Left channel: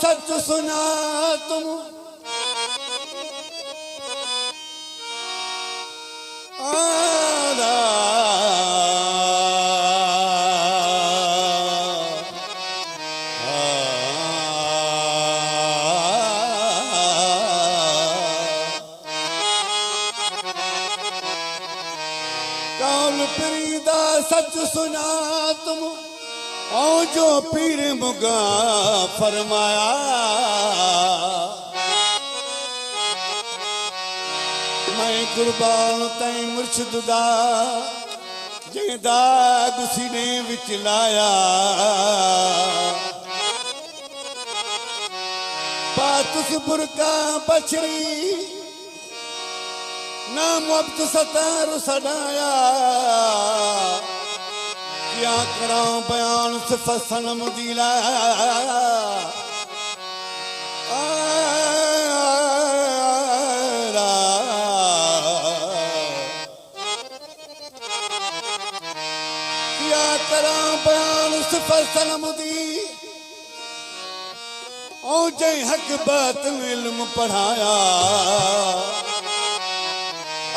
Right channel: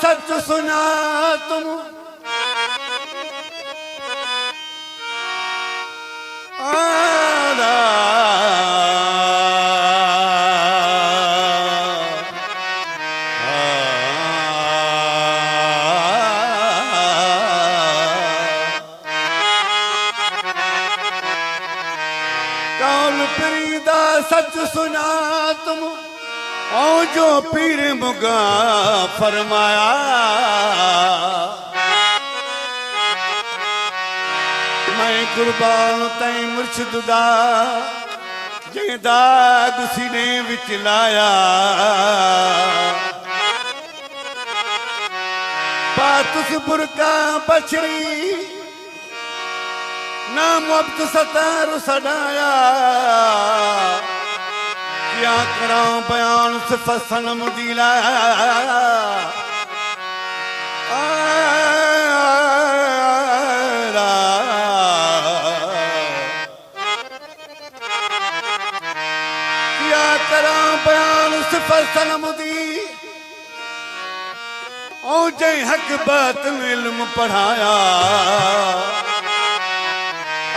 सच सुना तुम आना कौन पीरीदा सच सुना तुम ओ जो पीर मुगा फरमाया मैं कुर्बान तई मुर्शिद दा जेदा सीने विच लाया पातुस बुरका बछड़ी नाम अब्द सतार सनाया क्या करा बयान सिफत सनम दिला क्या करा बयान सिफत सनम दी ओ जै हक बात इल्म पढ़ाया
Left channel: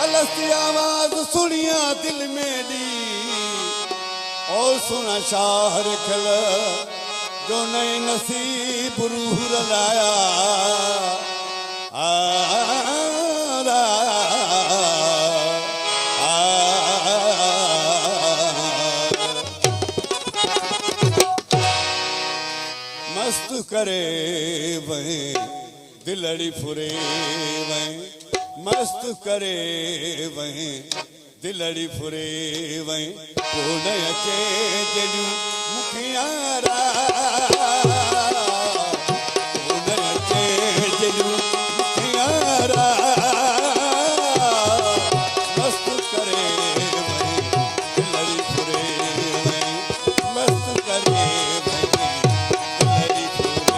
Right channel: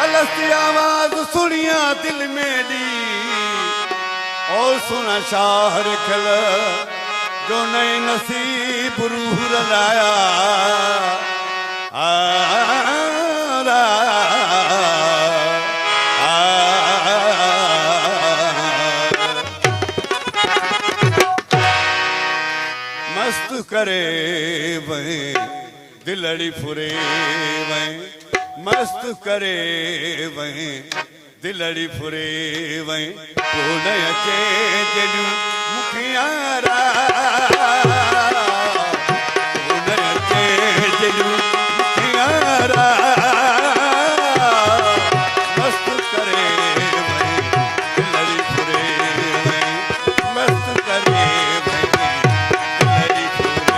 अलसी आवाज सुनिया दिल में दी और सुना शाहर खिल जो नए नसीब रूह रलाया मस्त करे वही दिलड़ी फुरे वही मस्त करे वही दिलड़ी फुरे वही कोन अचे जॾूं मुखियारा कोन अचे जॾूं मुखियारा मस्त करे वही दिलड़ी फुरे वही मस्त करे वही दिलड़ी फुरे